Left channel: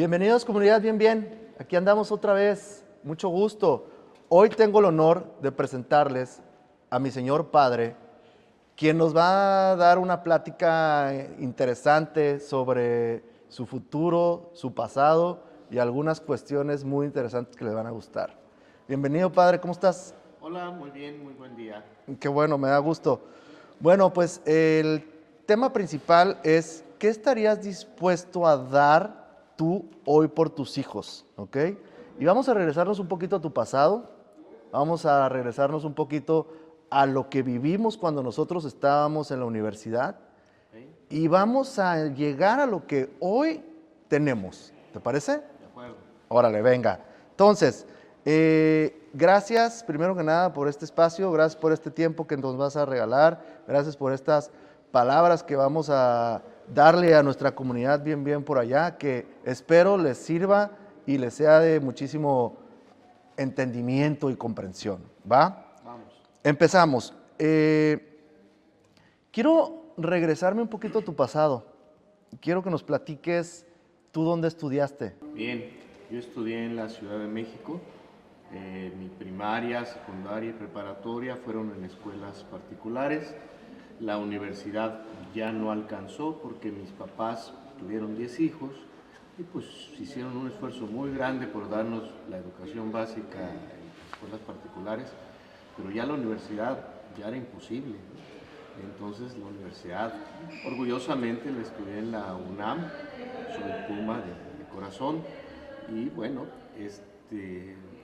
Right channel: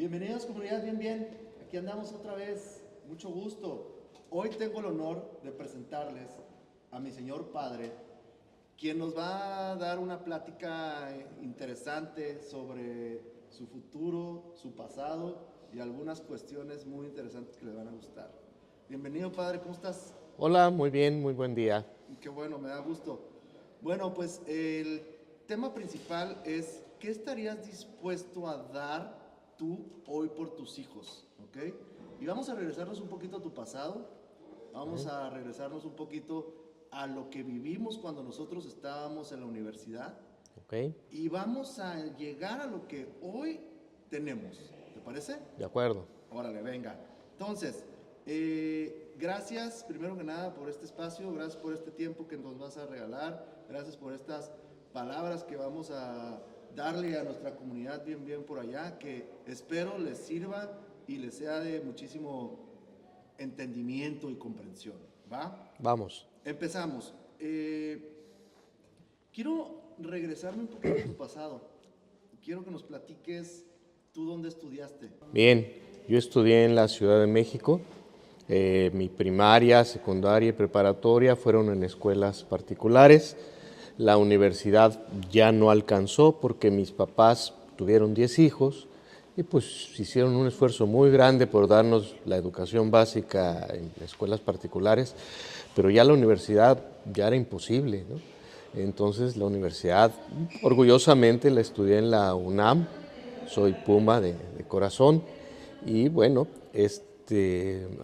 Bienvenidos comunidad, bien. Aquí andamos otra vez, mucho gusto. Hoy tengo el honor de presentarles a mi señor padre, quien nos va a dar una plática interesante sobre su futuro, su pasado y algunas cuestiones muy interesantes que le van a gustar. Bienvenido padre, ¿cómo estás? Hola, muy bien, muy buen día. Qué bueno, me da gusto. Bueno, pues el tema principal es, ¿qué estarías dispuesto a dar tú hoy por tus hijos? ¿Ok? Y vamos a regresarnos un poquito a tu pasado, vamos a regresarnos un poquito a lo que vivimos cuando nosotros estábamos en la universidad Ok, y vamos a llegar a lo que hoy tenemos. ¿Te parece? de acuerdo. Órale, venga. Entonces, gracias primero que nada por este espacio, gracias por este tiempo que nos vas a regalar, gracias por estas palabras que vamos a darle a nuestra comunidad bien por allá, que espero les sirva y les sea de muchísimo entendimiento y comprensión. ¿Va? Vamos. Empezamos. Quiero regresarme un poquito a tu pasado. Quiero que nos platiques tú dónde estudiaste. Bien, yo estudié en la Ciudad de México. Mi primaria, secundaria y preparatoria fueron en escuelas particulares. La universidad ya no alcanzó porque mis papás tuvieron 10 hijos y pues hicieron un esfuerzo muy grande por darnos la educación básica en escuelas particulares, pero ya la universidad ya era imposible, ¿no? Entonces la universidad, orgullosamente la estudié en la UNAM, soy Puma de corazón y bueno,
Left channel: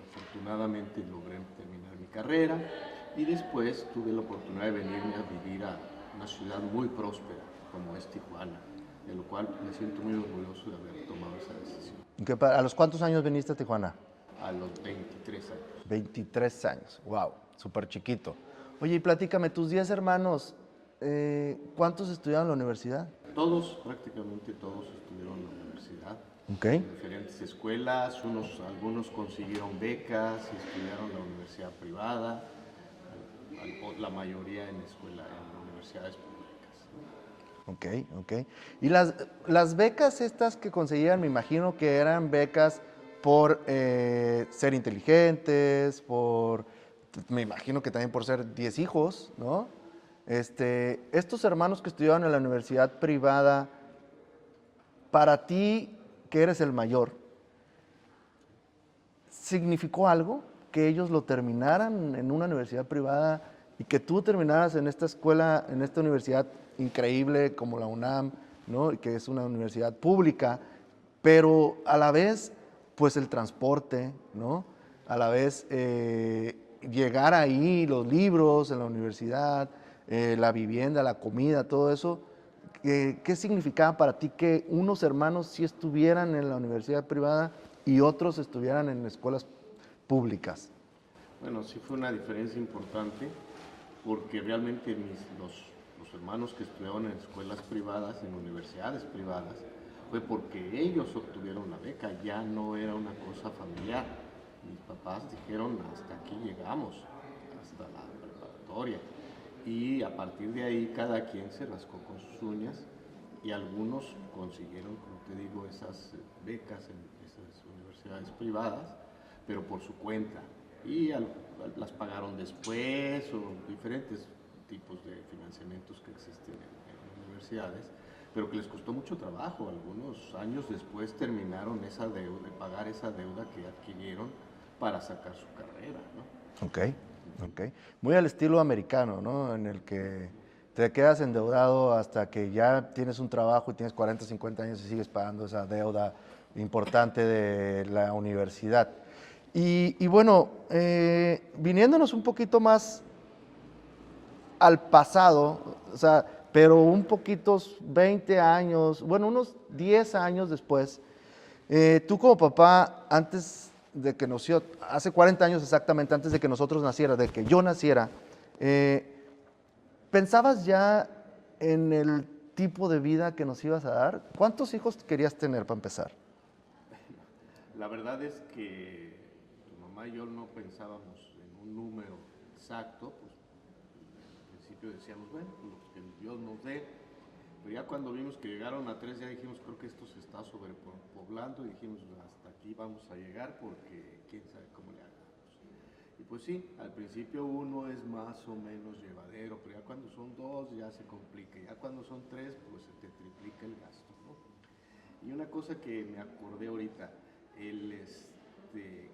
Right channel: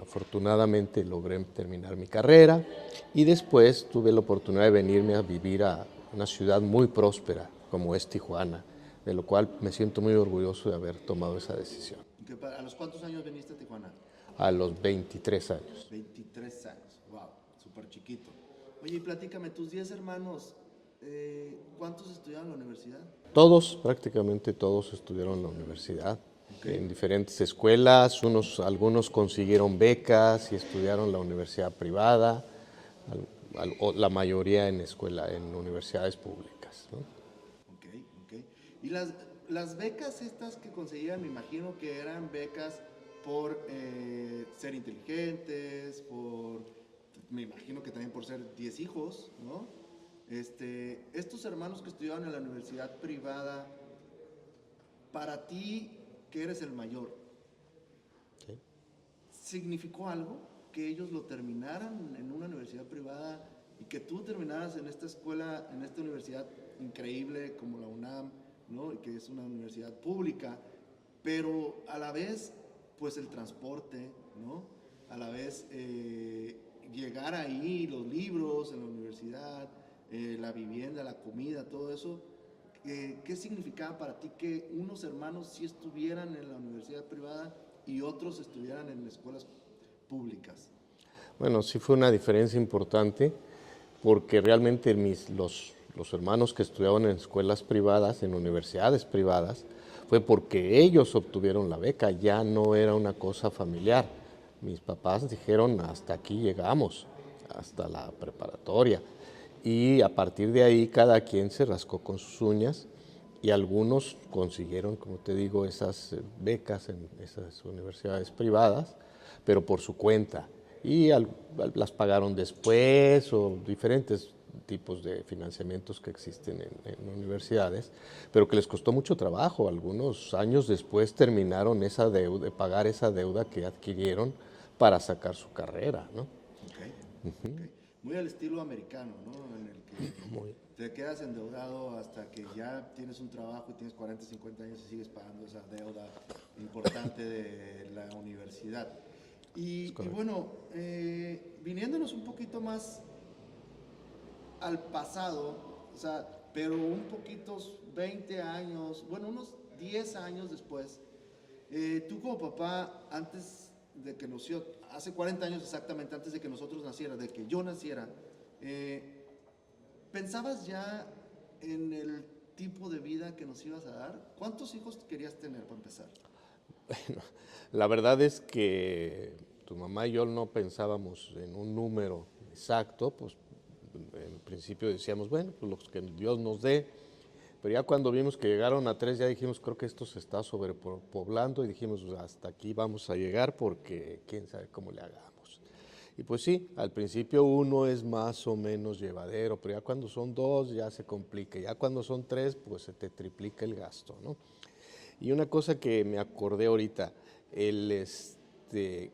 afortunadamente logré terminar mi carrera y después tuve la oportunidad de venirme a vivir a una ciudad muy próspera como es Tijuana, de lo cual me siento muy orgulloso de haber tomado esa decisión ¿A los cuántos años viniste a Tijuana? a los 23 años. 23 años, wow, súper chiquito. Oye, y platícame, tus 10 hermanos, ¿cuántos estudiaron en la universidad? Todos, prácticamente todos estudiaron en la universidad, Ok. en diferentes escuelas, algunos consiguieron becas y estudiaron en la universidad privada, la mayoría en universidades públicas, ¿no? Ok, ok. Y las becas estas que conseguían, me imagino que eran becas por ser inteligentes, me imagino que también por ser 10 hijos, ¿no? Estos hermanos que estudiaban en la universidad privada, para ti, que eres el mayor, ¿significó algo que ellos lo terminaran en una universidad privada y que tú terminaras en esta escuela, en esta universidad increíble como la UNAM, ¿no? Y que es una universidad pública, pero a la vez, pues el transporte, ¿no? A la vez llegar ahí, los libros en la universidad, la vivienda, la comida, todo eso, ¿qué significaba para ti que unos hermanos sí estuvieran en la universidad privada y otros estuvieran en escuelas públicas? Bueno, sí fue una diferencia importante porque realmente los hermanos que estudiaban en escuelas privadas, en universidades privadas, fue porque ellos obtuvieron la beca, ya no era una cosa familiar. Mis papás dijeron, hasta aquí llegamos, hasta la preparatoria. Y a partir de ahí cada quien se rascó con sus uñas y algunos consiguieron, como te digo, esas becas en esas universidades privadas, pero por su cuenta. Y las pagaron después o diferentes tipos de financiamientos que existen en universidades, pero que les costó mucho trabajo. Algunos años después terminaron esa deuda, de pagar esa deuda que adquirieron para sacar su carrera, ¿no? Ok, ok. Muy al estilo americano, ¿no? En el que te quedas endeudado hasta que ya tienes un trabajo y tienes 40, 50 años y sigues pagando esa deuda importante de la universidad. Y bueno, viniéndonos un poquito más al pasado, o sea, pero un poquito 20 años, bueno, unos 10 años después, tú como papá, antes de que nació, hace 40 años exactamente, antes de que nosotros naciera, de que yo naciera, ¿pensabas ya en el tipo de vida que nos ibas a dar? ¿Cuántos hijos querías tener para empezar? La verdad es que tu mamá y yo no pensábamos en un número exacto, pues en principio decíamos, bueno, pues los que Dios nos dé, Pero ya cuando vimos que llegaron a 3, ya dijimos, creo que esto se está sobrepoblando y dijimos, "Pues, hasta aquí vamos a llegar porque quién sabe cómo le hagamos". Y pues sí, al principio uno es más o menos llevadero, pero ya cuando son 2 ya se complica, ya cuando son 3 pues se te triplica el gasto, ¿no? Y una cosa que me acordé ahorita, que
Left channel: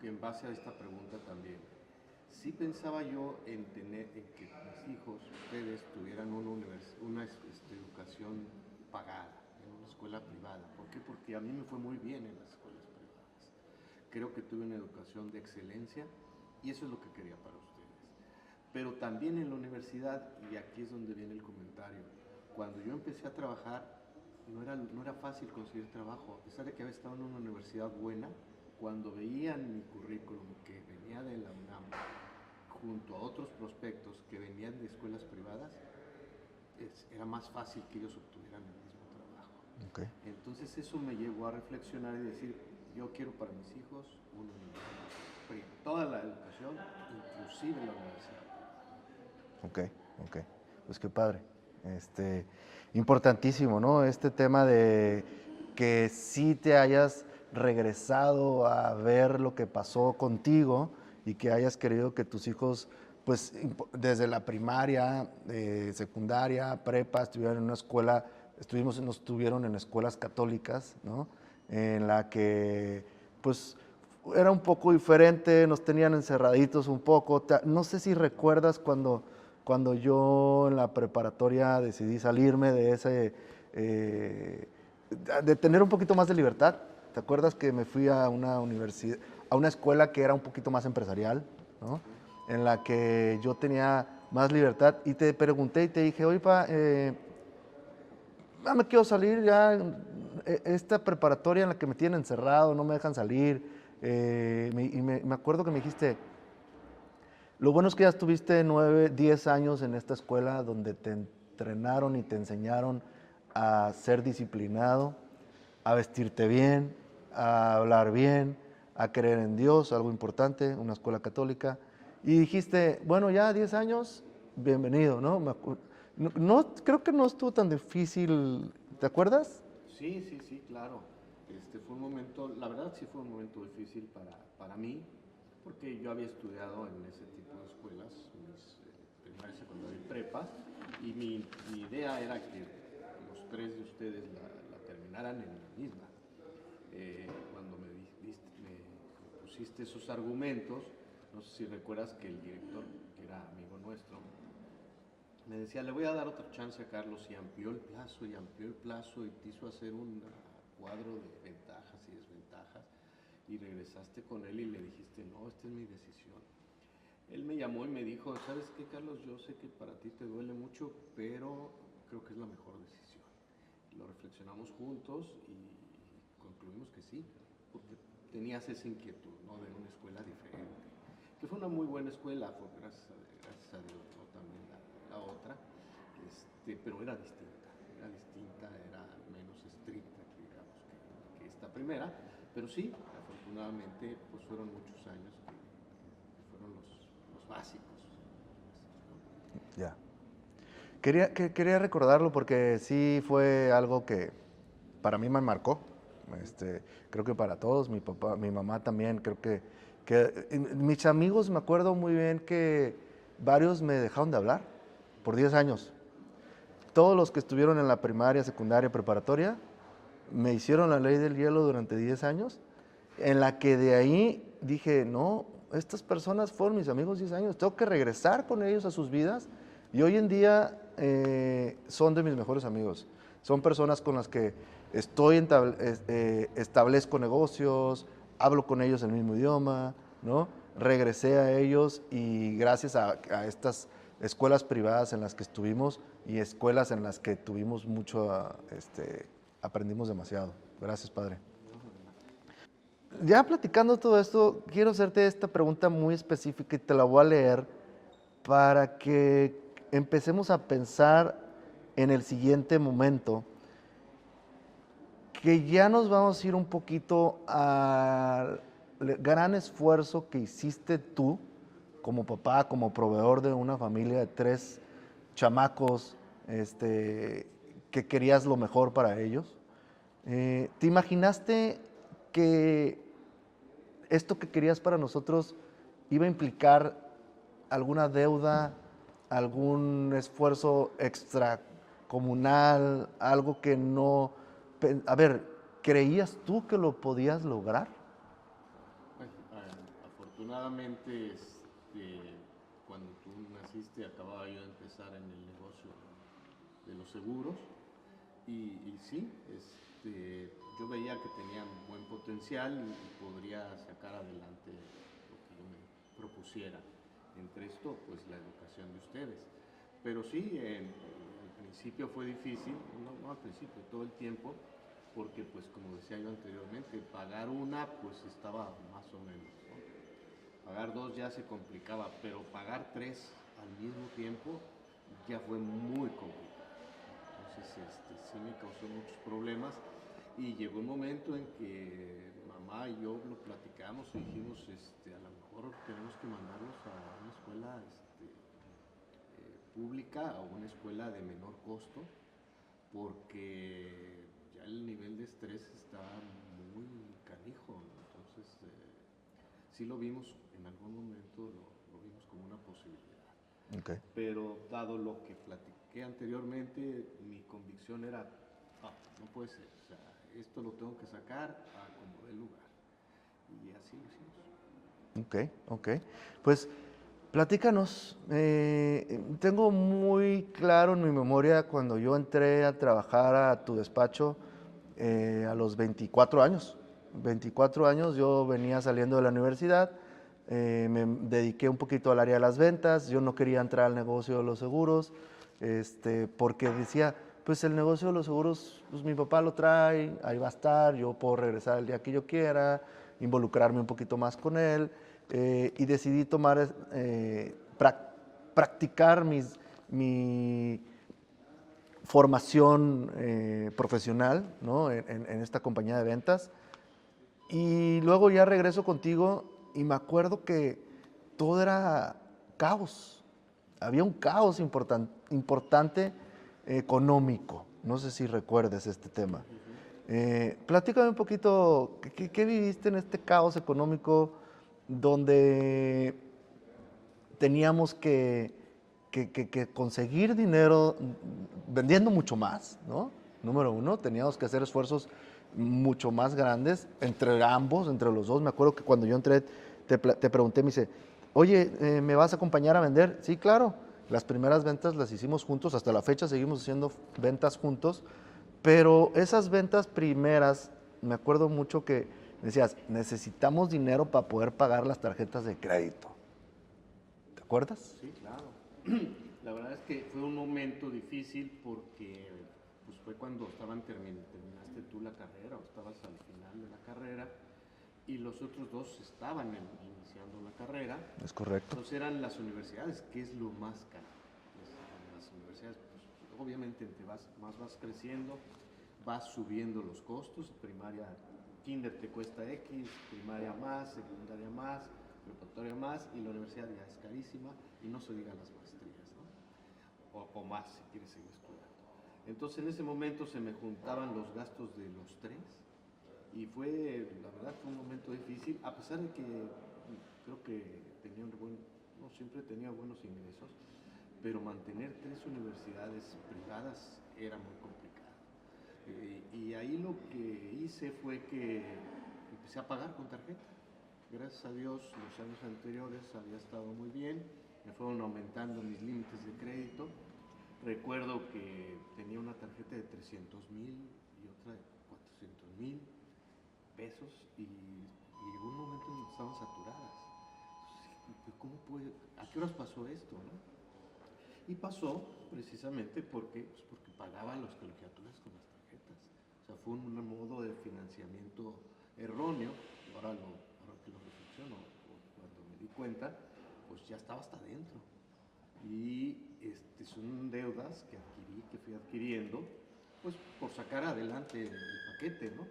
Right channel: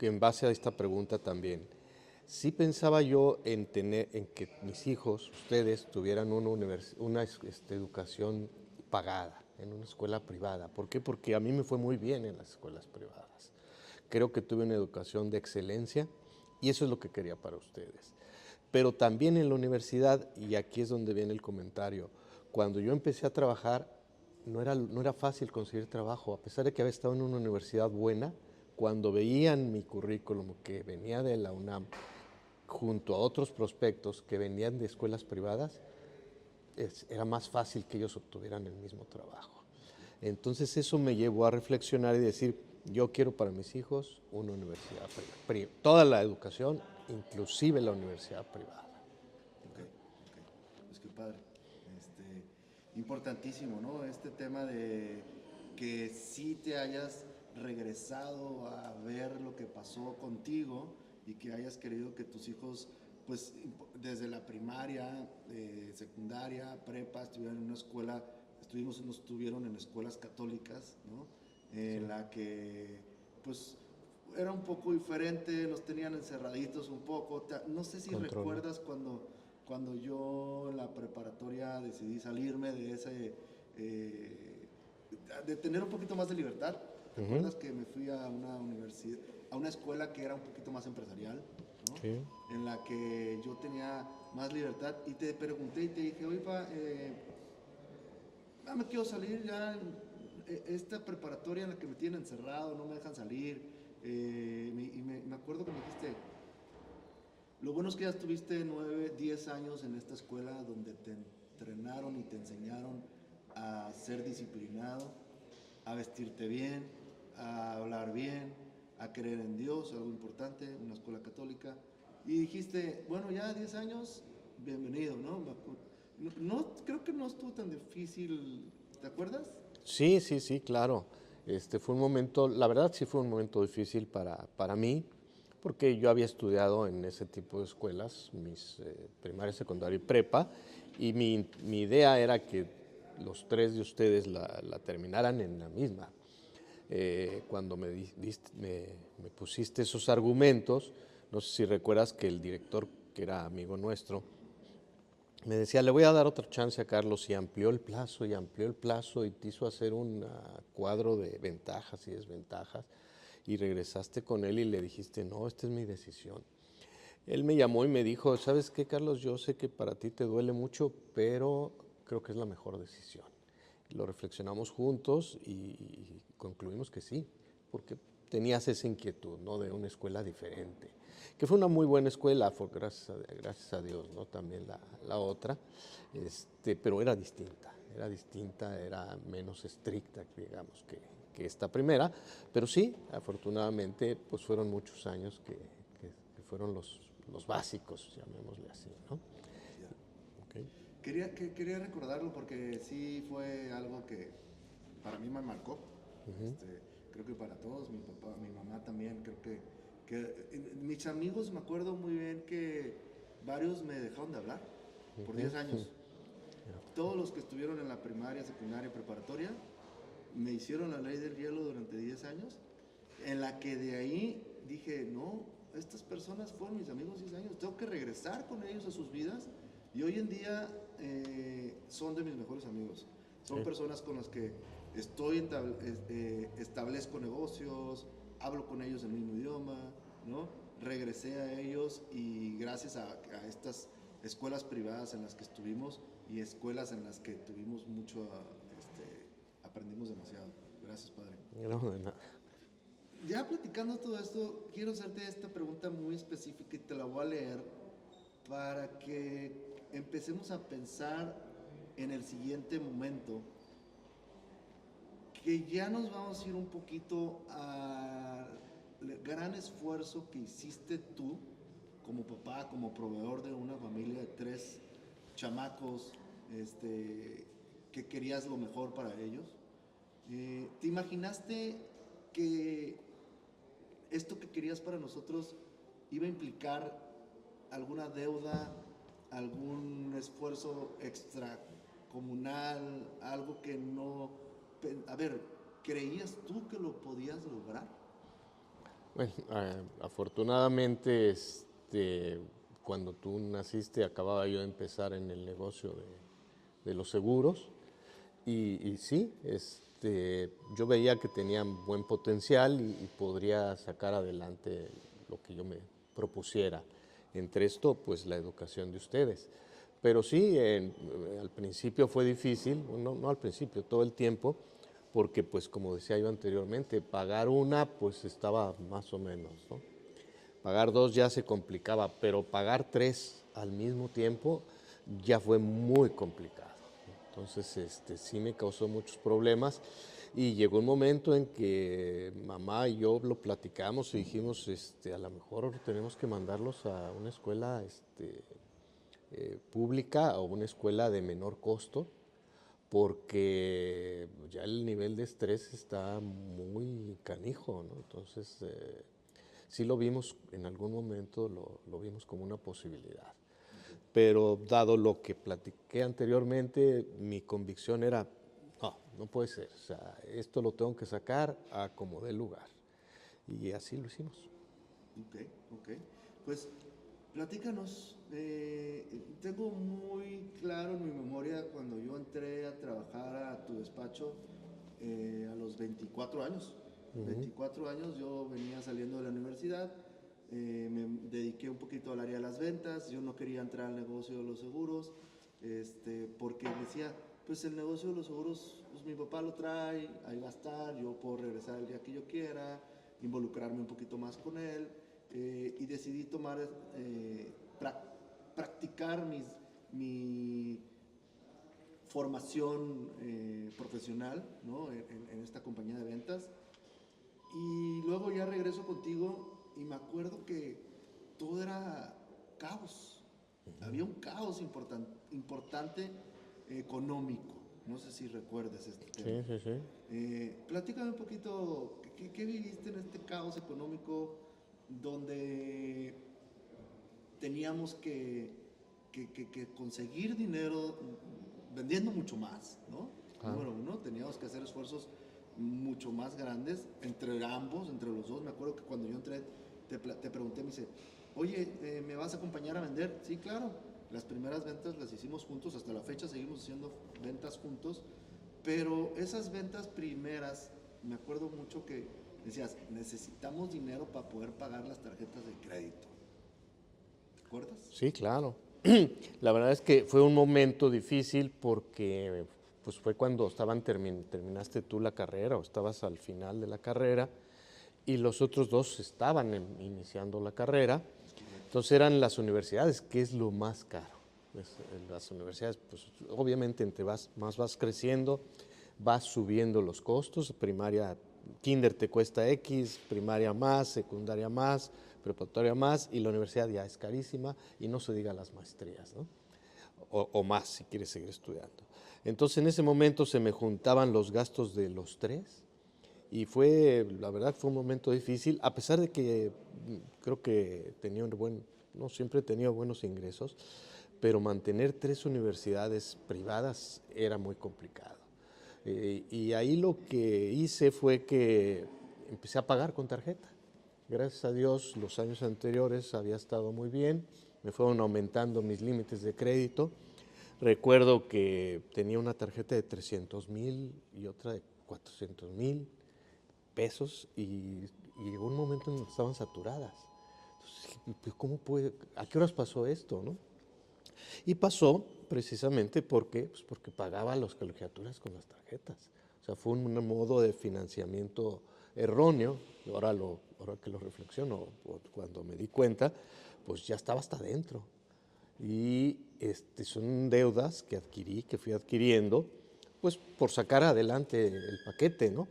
en base a esta pregunta también, sí pensaba yo en que mis hijos, ustedes, tuvieran una educación pagada en una escuela privada. ¿Por qué? Porque a mí me fue muy bien en las escuelas privadas. Creo que tuve una educación de excelencia y eso es lo que quería para ustedes. Pero también en la universidad, y aquí es donde viene el comentario, cuando yo empecé a trabajar, no era fácil conseguir trabajo, a pesar de que había estado en una universidad buena, cuando veían mi currículum que venía de la UNAM, junto a otros prospectos que venían de escuelas privadas, era más fácil que ellos obtuvieran el mismo trabajo. Okay. Entonces eso me llevó a reflexionar y decir, yo quiero para mis hijos una universidad privada, toda la educación, inclusive la universidad privada. Ok, ok. Pues qué padre. Importantísimo, ¿no? Este tema de que sí te hayas regresado a ver lo que pasó contigo y que hayas querido que tus hijos, pues desde la primaria, secundaria, prepa, estuvieran en una escuela, nos estuvieron en escuelas católicas, ¿no? En la que, pues, era un poco diferente, nos tenían encerraditos un poco. No sé si recuerdas cuando yo en la preparatoria decidí salirme de de tener un poquito más de libertad. ¿Te acuerdas que me fui a una universidad, a una escuela que era un poquito más empresarial, ¿no? Sí. En la que yo tenía más libertad y te pregunté y te dije, oye, me quiero salir ya, esta preparatoria en la que me tienen encerrado, no me dejan salir, me acuerdo que me dijiste, lo bueno es que ya estuviste 9, 10 años en esta escuela donde te entrenaron y te enseñaron a ser disciplinado, a vestirte bien, a hablar bien, a creer en Dios, algo importante, una escuela católica. Y dijiste, bueno, ya 10 años, bienvenido, ¿no? Creo que no estuvo tan difícil, ¿te acuerdas? Sí, sí, sí, claro. Fue un momento, la verdad sí fue un momento difícil para mí, porque yo había estudiado en ese tipo de escuelas, mis primaria, secundaria y prepa, y mi idea era que los 3 de ustedes la terminaran en la misma. Cuando me pusiste esos argumentos, no sé si recuerdas que el director, que era amigo nuestro, me decía, le voy a dar otra chance a Carlos y amplió el plazo y te hizo hacer un cuadro de ventajas y desventajas y regresaste con él y le dijiste, no, esta es mi decisión. Él me llamó y me dijo, ¿sabes qué, Carlos? Yo sé que para ti te duele mucho, pero creo que es la mejor decisión. Lo reflexionamos juntos y concluimos que sí, porque tenías esa inquietud, ¿no? De una escuela diferente, que fue una muy buena escuela, fue gracias a Dios, ¿no? También la otra, pero era menos estricta, digamos, que esta primera, pero sí, afortunadamente, pues fueron muchos años que fueron los básicos, llamémosle así, ¿no? Ya. Okay. Quería recordarlo porque sí fue algo que para mí me marcó. Creo que para todos, mi papá, mi mamá también, creo que mis amigos me acuerdo muy bien que varios me dejaron de hablar por 10 años. Todos los que estuvieron en la primaria, secundaria, preparatoria, me hicieron la ley del hielo durante 10 años, en la que de ahí dije, no, estas personas fueron mis amigos 10 años, tengo que regresar con ellos a sus vidas y hoy en día son de mis mejores amigos. Son personas con las que establezco negocios, hablo con ellos el mismo idioma, ¿no? Regresé a ellos y gracias a estas escuelas privadas en las que estuvimos y escuelas en las que tuvimos mucho, aprendimos demasiado. Gracias, Padre. Ya platicando todo esto, quiero hacerte esta pregunta muy específica y te la voy a leer para que empecemos a pensar en el siguiente momento, que ya nos vamos a ir un poquito al gran esfuerzo que hiciste tú como papá, como proveedor de una familia de 3 chamacos que querías lo mejor para ellos. ¿Te imaginaste que esto que querías para nosotros iba a implicar alguna deuda, algún esfuerzo extracomunal, algo que no... A ver, ¿creías tú que lo podías lograr? Bueno, afortunadamente, cuando tú naciste, acababa yo de empezar en el negocio de los seguros y sí, yo veía que tenían buen potencial y podría sacar adelante lo que yo me propusiera. Entre esto, pues la educación de ustedes. Pero sí, al principio fue difícil, no al principio, todo el tiempo, porque pues como decía yo anteriormente, pagar una pues estaba más o menos, ¿no? Pagar dos ya se complicaba, pero pagar tres al mismo tiempo ya fue muy complicado. Entonces, sí me causó muchos problemas y llegó un momento en que mamá y yo lo platicamos y dijimos, a lo mejor tenemos que mandarlos a una escuela, pública o una escuela de menor costo, porque ya el nivel de estrés está muy canijo, ¿no? Entonces, sí lo vimos en algún momento, lo vimos como una posibilidad. Okay. Pero dado lo que platiqué anteriormente, mi convicción era, no puede ser, o sea, esto lo tengo que sacar a como dé lugar. Y así lo hicimos. Ok, ok. Pues platícanos. Tengo muy claro en mi memoria cuando yo entré a trabajar a tu despacho a los 24 años. 24 años yo venía saliendo de la universidad, me dediqué un poquito al área de las ventas, yo no quería entrar al negocio de los seguros, porque decía, pues el negocio de los seguros, pues mi papá lo trae, ahí va a estar, yo puedo regresar el día que yo quiera, involucrarme un poquito más con él, y decidí tomar, practicar mi formación profesional, ¿no? En esta compañía de ventas. Y luego ya regreso contigo y me acuerdo que todo era caos. Había un caos importante económico. No sé si recuerdes este Sí, tema. sí, sí. Platícame un poquito, ¿qué viviste en este caos económico donde teníamos que conseguir dinero vendiendo mucho más, ¿no? Número uno, teníamos que hacer esfuerzos mucho más grandes entre ambos, entre los dos. Me acuerdo que cuando yo entré, te pregunté, me dice, oye, ¿me vas a acompañar a vender? Sí, claro. Las primeras ventas las hicimos juntos, hasta la fecha seguimos haciendo ventas juntos, pero esas ventas primeras, me acuerdo mucho que decías, necesitamos dinero para poder pagar las tarjetas de crédito. ¿Te acuerdas? Sí, claro. La verdad es que fue un momento difícil porque pues fue cuando terminaste tú la carrera o estabas al final de la carrera y los otros dos estaban iniciando la carrera. Es correcto. Entonces eran las universidades, que es lo más caro. En las universidades, pues obviamente más vas creciendo, vas subiendo los costos. Primaria, kinder te cuesta X, primaria más, secundaria más, preparatoria más, y la universidad ya es carísima, y no se diga las maestrías, ¿no? O más si quieres seguir estudiando. Entonces en ese momento se me juntaban los gastos de los tres, y la verdad fue un momento difícil, a pesar de que creo que no siempre he tenido buenos ingresos, pero mantener tres universidades privadas era muy complicado. Y ahí lo que hice fue que empecé a pagar con tarjeta. Gracias a Dios, los años anteriores había estado muy bien, me fueron aumentando mis límites de crédito. Recuerdo que tenía una tarjeta de 300,000 y otra de 400,000 pesos y llegó un momento en que estaban saturadas. Entonces, ¿cómo puede? ¿A qué horas pasó esto, no? Y pasó precisamente porque pagaba las colegiaturas con las tarjetas. O sea, fue un modo de financiamiento erróneo. Y ahora que lo reflexiono, cuando me di cuenta, pues ya estaba hasta adentro. Y son deudas que fui adquiriendo, pues por sacar adelante el paquete, ¿no?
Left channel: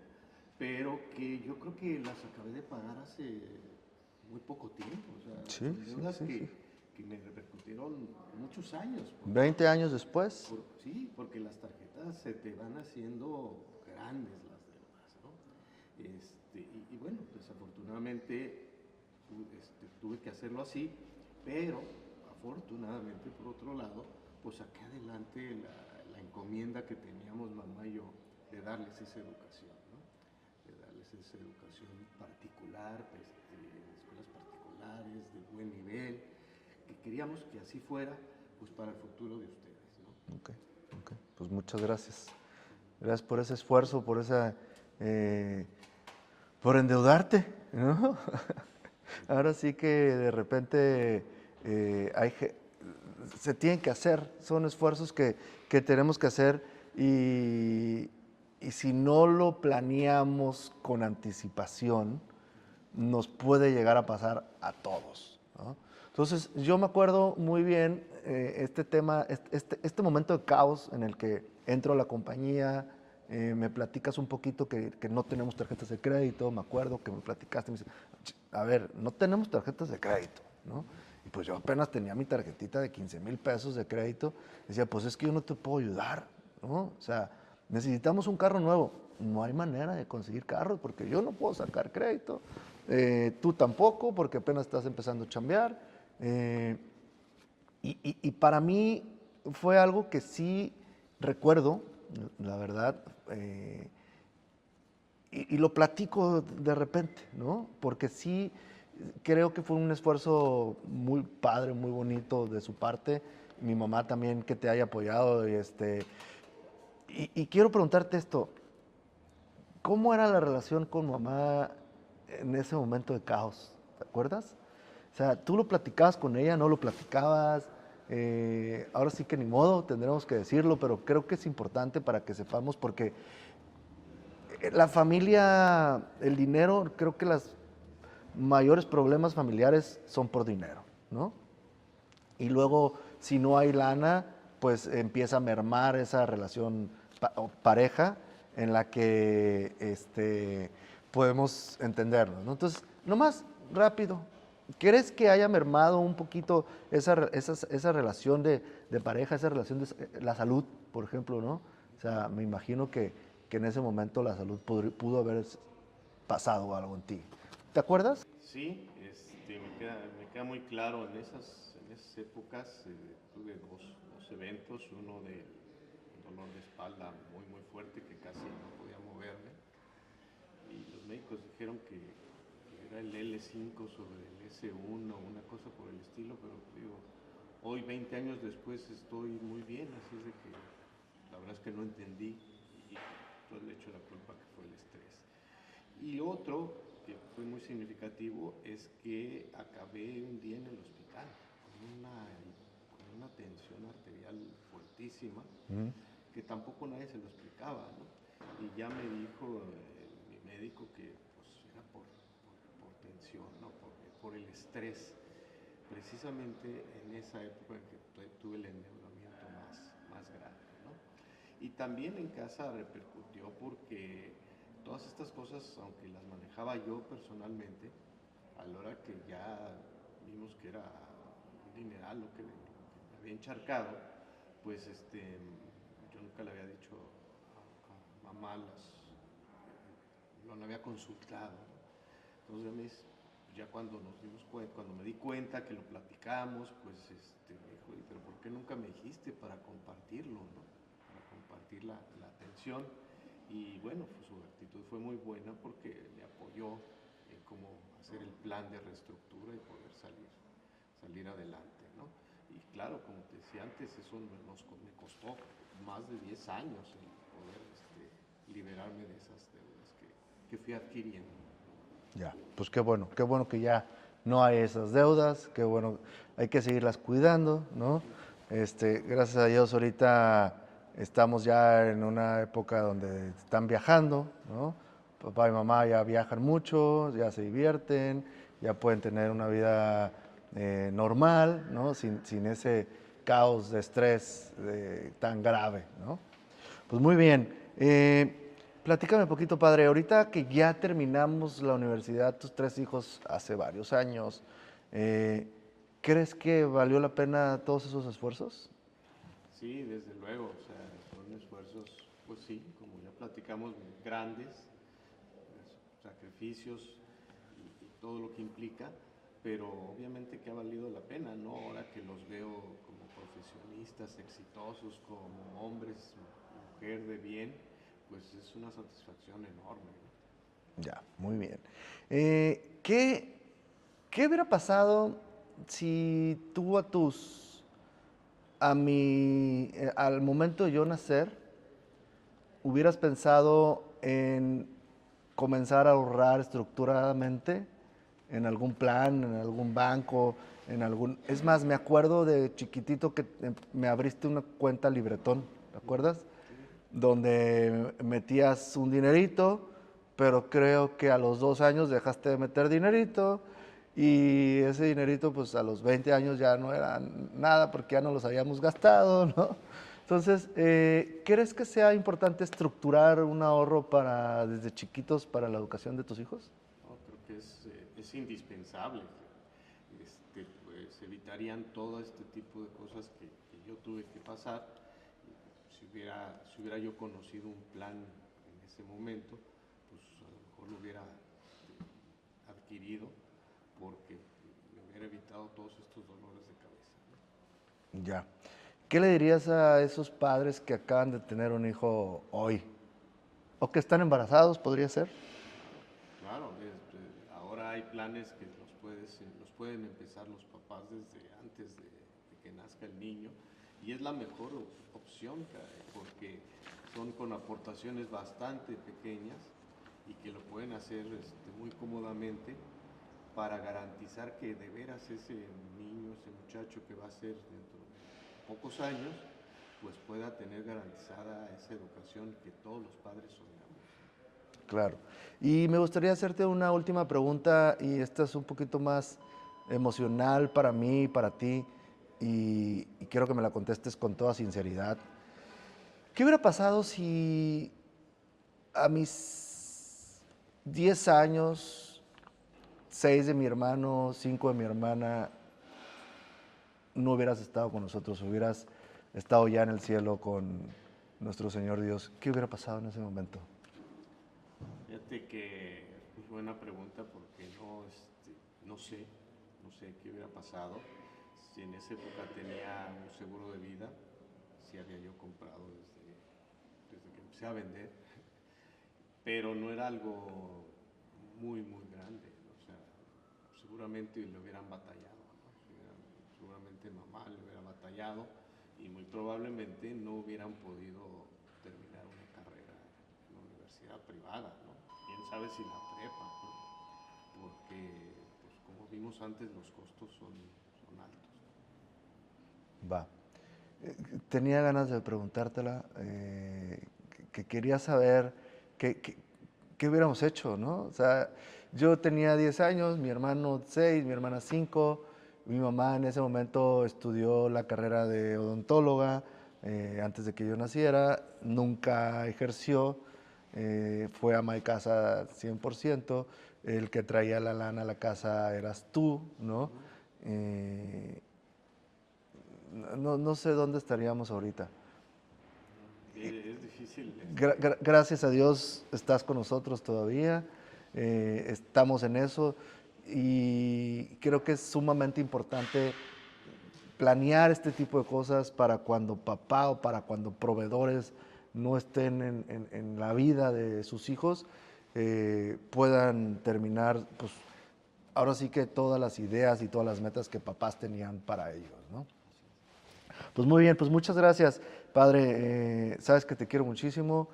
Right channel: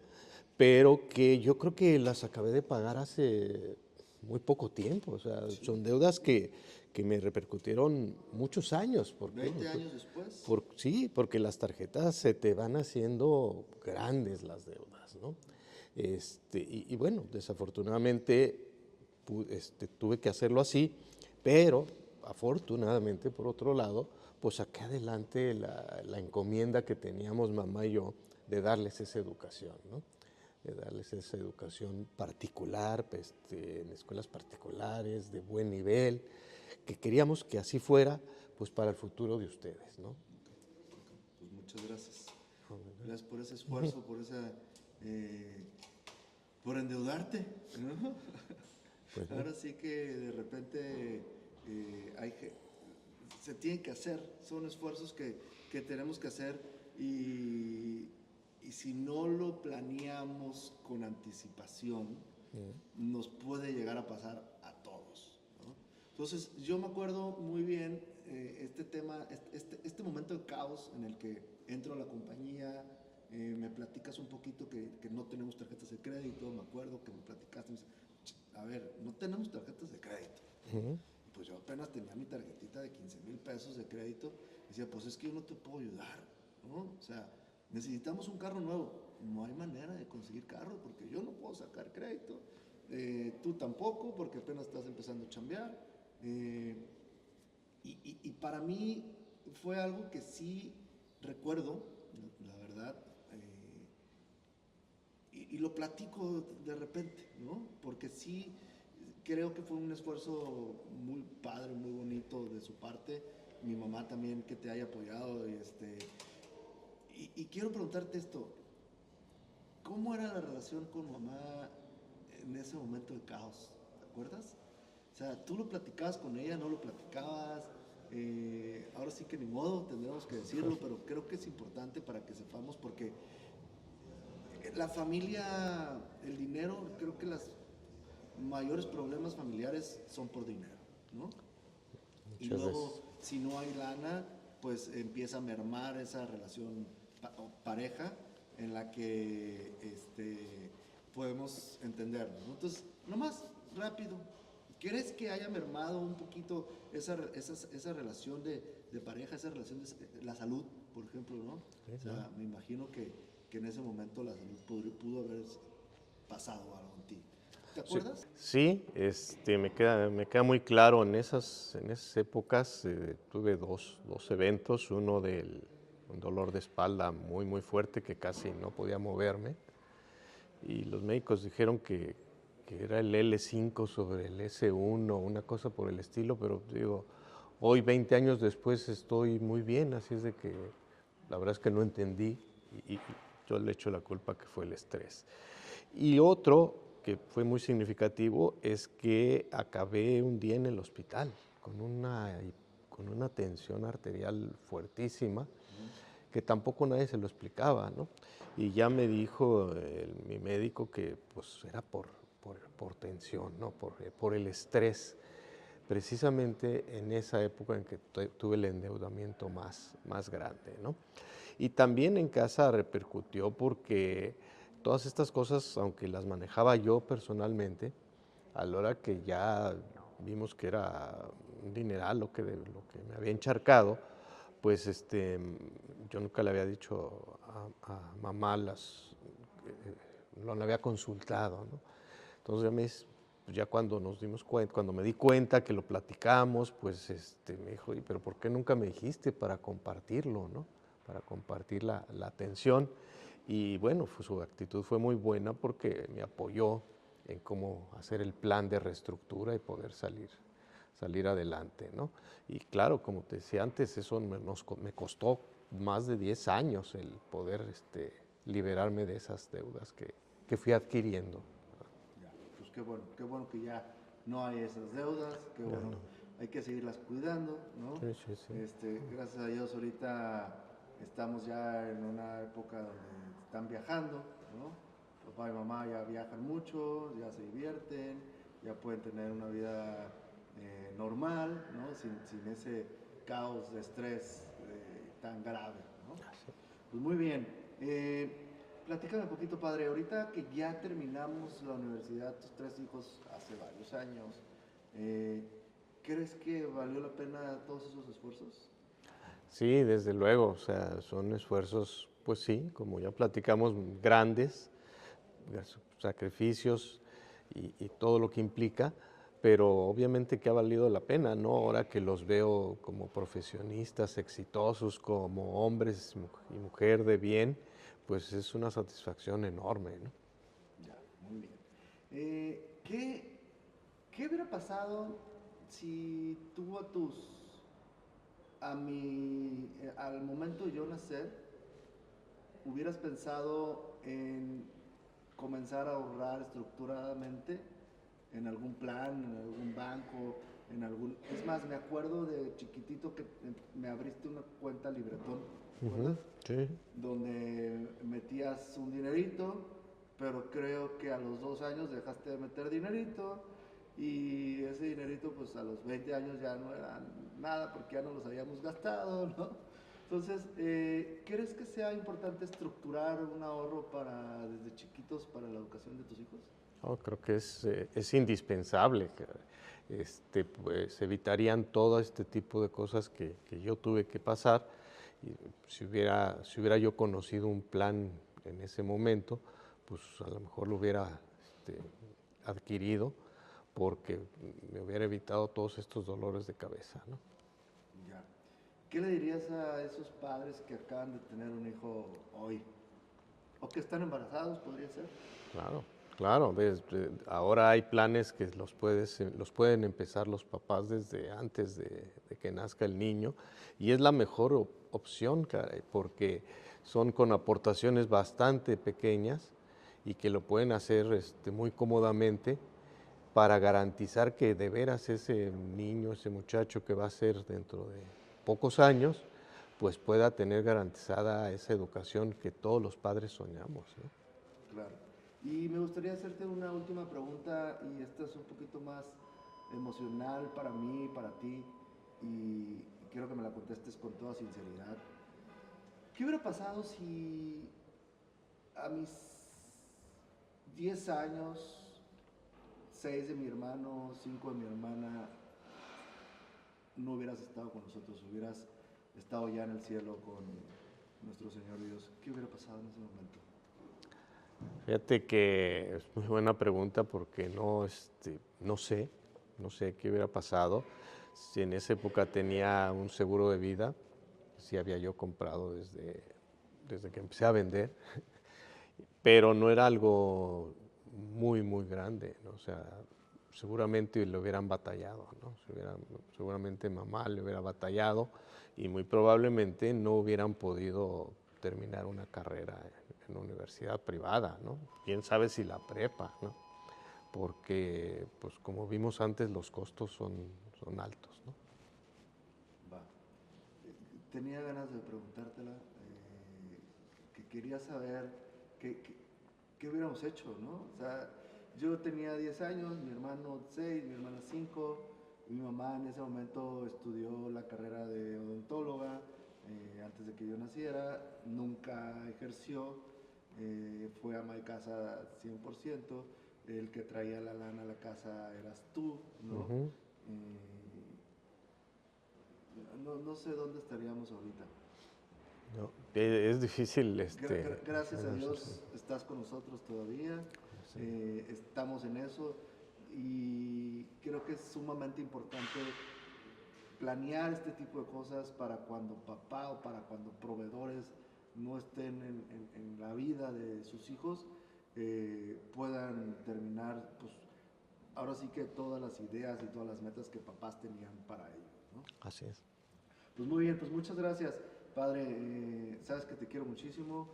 Pero que yo creo que las acabé de pagar hace muy poco tiempo. O sea, Sí, son sí, deudas sí. que me repercutieron muchos años. 20 años después. Sí, porque las tarjetas se te van haciendo grandes las deudas, ¿no? Y bueno, desafortunadamente tuve que hacerlo así, pero afortunadamente, por otro lado, pues saqué adelante la encomienda que teníamos mamá y yo de darles esa educación, ¿no? De darles esa educación particular, pues, en escuelas particulares, de buen nivel, que queríamos que así fuera, pues para el futuro de ustedes, ¿no? Ok. Pues muchas gracias. Gracias por ese esfuerzo, por esa, por endeudarte, ¿no? Ahora sí que de repente se tienen que hacer, son esfuerzos que tenemos que hacer y si no lo planeamos con anticipación, nos puede llegar a pasar a todos, ¿no? Entonces, yo me acuerdo muy bien este tema, este momento de caos en el que entro a la compañía, me platicas un poquito que no tenemos tarjetas de crédito, me acuerdo que me platicaste, me dice, a ver, no tenemos tarjetas de crédito, ¿no? Y pues yo apenas tenía mi tarjetita de 15,000 pesos de crédito, decía, pues es que yo no te puedo ayudar, ¿no? O sea, necesitamos un carro nuevo, no hay manera de conseguir carros porque yo no puedo sacar crédito, tú tampoco porque apenas estás empezando a chambear, y para mí fue algo que sí recuerdo, la verdad, y lo platico de repente, ¿no? Porque sí creo que fue un esfuerzo muy padre, muy bonito de su parte. Mi mamá también que te haya apoyado. Y quiero preguntarte esto, ¿cómo era la relación con mamá en ese momento de caos? ¿Te acuerdas? O sea, ¿tú lo platicabas con ella, no lo platicabas? Ahora sí que ni modo, tendremos que decirlo, pero creo que es importante para que sepamos, porque la familia, el dinero, creo que los mayores problemas familiares son por dinero, ¿no? Y luego, si no hay lana, pues empieza a mermar esa relación o pareja en la que podemos entendernos, ¿no? Entonces, nomás rápido, ¿crees que haya mermado un poquito esa relación de pareja, esa relación de la salud, por ejemplo, ¿no? O sea, me imagino que en ese momento la salud pudo haber pasado algo en ti. ¿Te acuerdas? Sí, me queda muy claro. En esas épocas tuve dos eventos, uno del un dolor de espalda muy, muy fuerte que casi no podía moverme. Y los médicos dijeron que era el L5 sobre el S1, una cosa por el estilo, pero digo, hoy 20 años después estoy muy bien, así es de que la verdad es que no entendí y yo le echo la culpa que fue el estrés. Y otro que fue muy significativo es que acabé un día en el hospital con una tensión arterial fuertísima, que tampoco nadie se lo explicaba, ¿no? Y ya me dijo mi médico que pues era por tensión, ¿no? Por el estrés, precisamente en esa época en que tuve el endeudamiento más grande, ¿no? Y también en casa repercutió porque todas estas cosas, aunque las manejaba yo personalmente, a la hora que ya vimos que era un dineral lo que me había encharcado, pues yo nunca le había dicho a mamá no le había consultado, ¿no? Entonces ya cuando nos dimos cuenta, cuando me di cuenta que lo platicamos, pues me dijo, pero ¿por qué nunca me dijiste para compartirlo, ¿no? Para compartir la atención? Y bueno, su actitud fue muy buena porque me apoyó en cómo hacer el plan de reestructura y poder salir adelante, ¿no? Y claro, como te decía antes, eso me costó más de 10 años el poder liberarme de esas deudas que fui adquiriendo. Ya, pues qué bueno que ya no hay esas deudas, qué bueno, hay que seguirlas cuidando, ¿no? Sí, sí. Gracias a Dios ahorita estamos ya en una época donde están viajando, ¿no? Papá y mamá ya viajan mucho, ya se divierten, ya pueden tener una vida normal, ¿no? Sin ese caos de estrés tan grave, ¿no? Pues muy bien. Platícame un poquito, padre. Ahorita que ya terminamos la universidad, tus 3 hijos hace varios años, ¿Crees que valió la pena todos esos esfuerzos? Sí, desde luego, o sea, son esfuerzos, pues sí, como ya platicamos, grandes, sacrificios y todo lo que implica, pero obviamente que ha valido la pena, ¿no? Ahora que los veo como profesionistas exitosos, como hombres y mujer de bien, pues es una satisfacción enorme, ¿no? Ya, muy bien. ¿Qué hubiera pasado si tú al momento de yo nacer, hubieras pensado en comenzar a ahorrar estructuradamente en algún plan, en algún banco, en algún... Es más, me acuerdo de chiquitito que me abriste una cuenta Libretón, ¿te Ujú, acuerdas? sí. Donde metías un dinerito, pero creo que a los 2 años dejaste de meter dinerito y ese dinerito pues a los 20 años ya no era nada porque ya no los habíamos gastado, ¿no? Entonces, ¿crees que sea importante estructurar un ahorro desde chiquitos para la educación de tus hijos? No, creo que es indispensable. Pues evitarían todo este tipo de cosas que yo tuve que pasar. Y si hubiera yo conocido un plan en ese momento, pues a lo mejor lo hubiera adquirido porque me hubiera evitado todos estos dolores de cabeza, ¿no? Ya. ¿Qué le dirías a esos padres que acaban de tener un hijo hoy? ¿O que están embarazados, podría ser? Claro, claro. Ahora hay planes que los pueden empezar los papás desde antes de que nazca el niño y es la mejor opción, caray, porque son con aportaciones bastante pequeñas y que lo pueden hacer muy cómodamente para garantizar que de veras ese niño, ese muchacho que va a ser dentro de pocos años, pues pueda tener garantizada esa educación que todos los padres soñamos, ¿no? Claro. Y me gustaría hacerte una última pregunta, y esta es un poquito más emocional para mí, para ti, y quiero que me la contestes con toda sinceridad. ¿Qué hubiera pasado si a mis 10 años, 6 de mi hermano, 5 de mi hermana, no hubieras estado con nosotros, hubieras estado ya en el cielo con nuestro Señor Dios? ¿Qué hubiera pasado en ese momento? Fíjate que es muy buena pregunta porque no sé qué hubiera pasado si en esa época tenía un seguro de vida, si había yo comprado desde que empecé a vender, pero no era algo muy, muy grande, ¿no? O sea, seguramente le hubieran batallado, ¿no? Seguramente mamá le hubiera batallado y muy probablemente no hubieran podido terminar una carrera en una universidad privada, ¿no? Quién sabe si la prepa, ¿no? Porque, pues como vimos antes, los costos son altos, ¿no? Va. Tenía ganas de preguntártela, que quería saber qué hubiéramos hecho, ¿no? O sea, yo tenía 10 años, mi hermano 6, mi hermana 5, mi mamá en ese momento estudió la carrera de odontóloga antes de que yo naciera, nunca ejerció, fue ama de casa 100%, el que traía la lana a la casa eras tú, ¿no? Ujú. Eh, no sé dónde estaríamos ahorita. No, es difícil, Gracias a es difícil. Dios estás con nosotros todavía, estamos en eso y creo que es sumamente importante planear este tipo de cosas para cuando papá o para cuando proveedores no estén en la vida de sus hijos, puedan terminar, pues ahora sí que todas las ideas y todas las metas que papás tenían para ellos, ¿no? Así es. Pues muy bien, pues muchas gracias, padre. Sabes que te quiero muchísimo.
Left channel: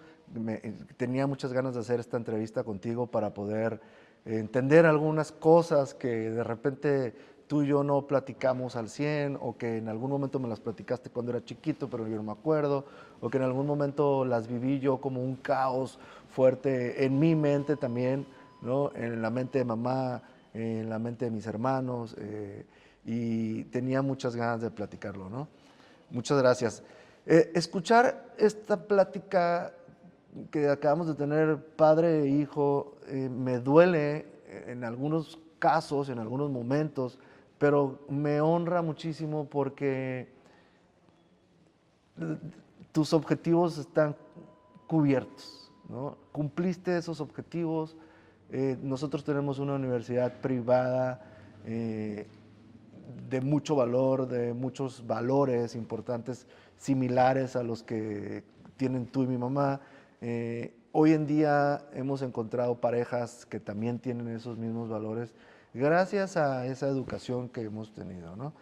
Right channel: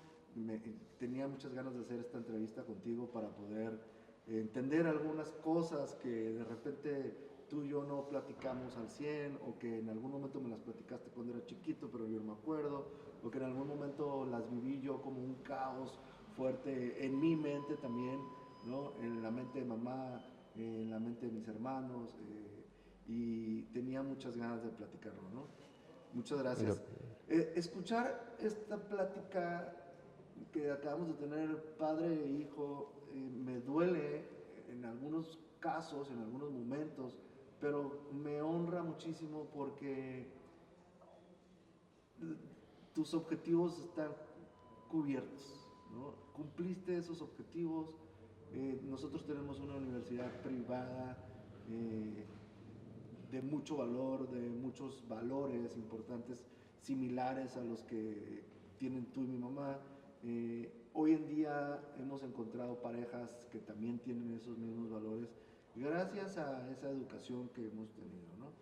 Tenía muchas ganas de hacer esta entrevista contigo para poder entender algunas cosas que de repente tú y yo no platicamos al 100 o que en algún momento me las platicaste cuando era chiquito, pero yo no me acuerdo, o que en algún momento las viví yo como un caos fuerte en mi mente también, ¿no? En la mente de mamá, en la mente de mis hermanos, y tenía muchas ganas de platicarlo, ¿no? Muchas Yo- gracias. Escuchar esta plática que acabamos de tener, padre e hijo, me duele en algunos casos, en algunos momentos, pero me honra muchísimo porque tus objetivos están cubiertos, ¿no? Cumpliste esos objetivos. Nosotros tenemos una universidad privada de mucho valor, de muchos valores importantes, similares a los que tienen tú y mi mamá. Hoy en día hemos encontrado parejas que también tienen esos mismos valores gracias a esa educación que hemos tenido, ¿no?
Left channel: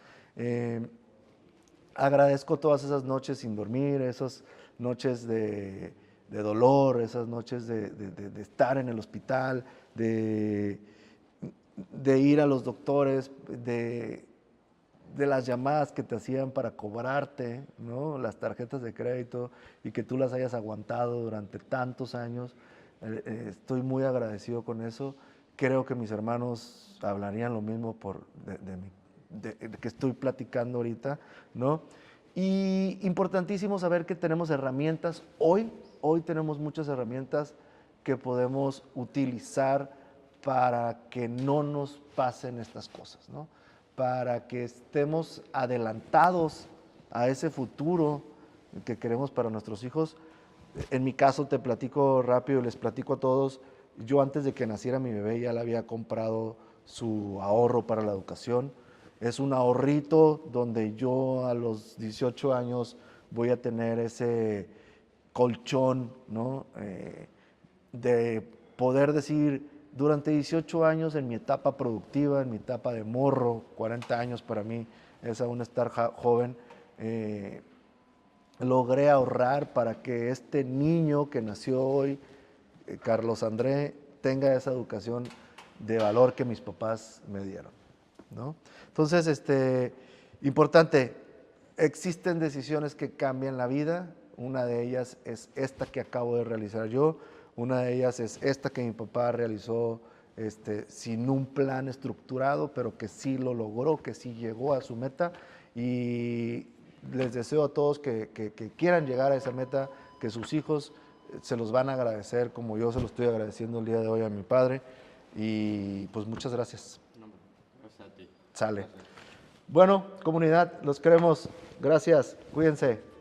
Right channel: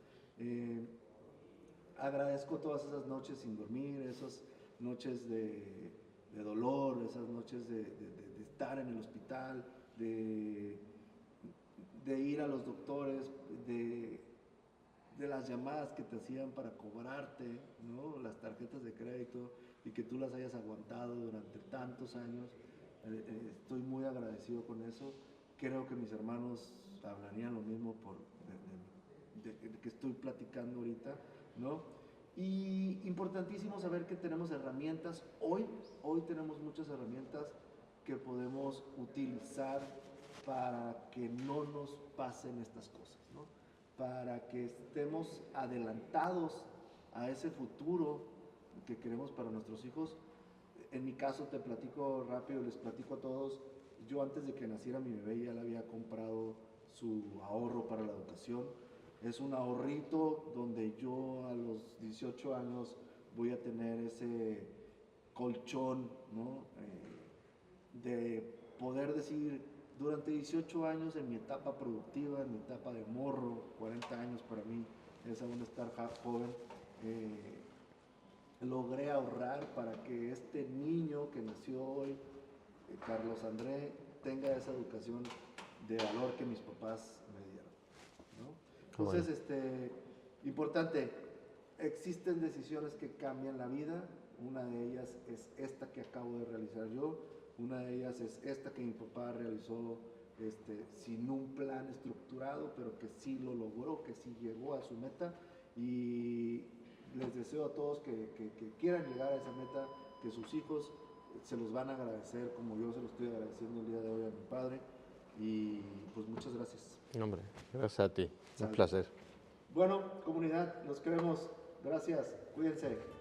Agradezco todas esas noches sin dormir, esas noches de dolor, esas noches de estar en el hospital, de ir a los doctores, de las llamadas que te hacían para cobrarte, ¿no? Las tarjetas de crédito y que tú las hayas aguantado durante tantos años. Estoy muy agradecido con eso. Creo que mis hermanos hablarían lo mismo de que estoy platicando ahorita, ¿no? Y importantísimo saber que tenemos herramientas hoy tenemos muchas herramientas que podemos utilizar para que no nos pasen estas cosas, ¿no? Para que estemos adelantados a ese futuro que queremos para nuestros hijos. En mi caso, te platico rápido, les platico a todos, yo antes de que naciera mi bebé ya le había comprado su ahorro para la educación. Es un ahorrito donde yo a los 18 años voy a tener ese colchón, ¿no? De poder decir, durante 18 años en mi etapa productiva, en mi etapa de morro, 40 años para mí es aún estar joven, logré ahorrar para que este niño que nació hoy, Carlos André, tenga esa educación de valor que mis papás me dieron, ¿no? Entonces, importante, existen decisiones que cambian la vida. Una de ellas es esta que acabo de realizar yo. Una de ellas es esta que mi papá realizó sin un plan estructurado, pero que sí lo logró, que sí llegó a su meta. Y les deseo a todos que quieran llegar a esa meta, que sus hijos se los van a agradecer como yo se lo estoy agradeciendo el día de hoy a mi padre. Y pues muchas gracias. No, hombre, gracias a ti. Sale. Un placer. Bueno, comunidad, los queremos. Gracias. Cuídense.